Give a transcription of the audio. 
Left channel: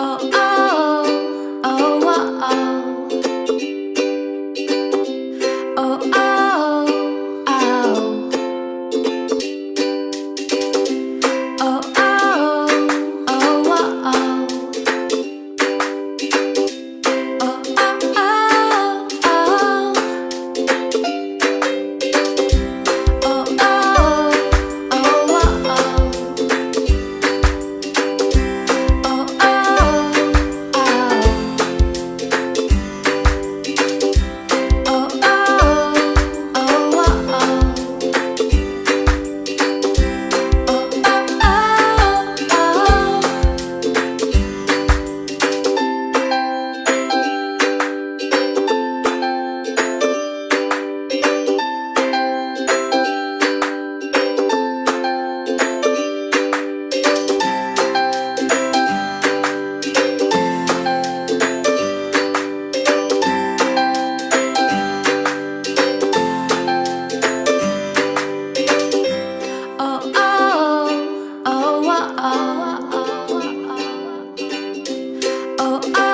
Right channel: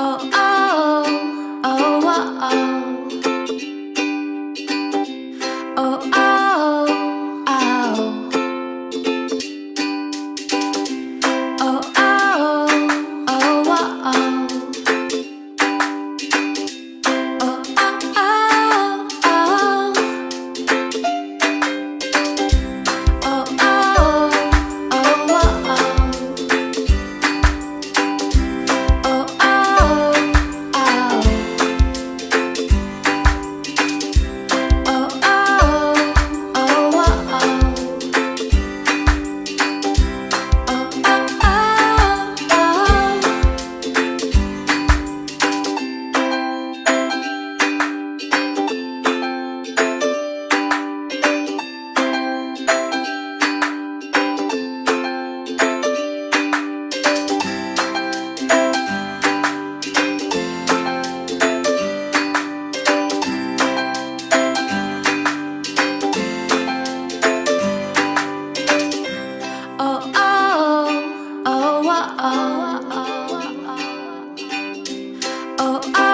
Oh, oh, oh, oh, oh. Oh, oh, oh. Oh, oh, oh, oh, oh. Oh, oh, oh, oh. Oh, oh, oh, oh, oh. Oh, oh, oh. Oh, oh, oh, oh. Oh, oh, oh, oh, oh. Oh, oh.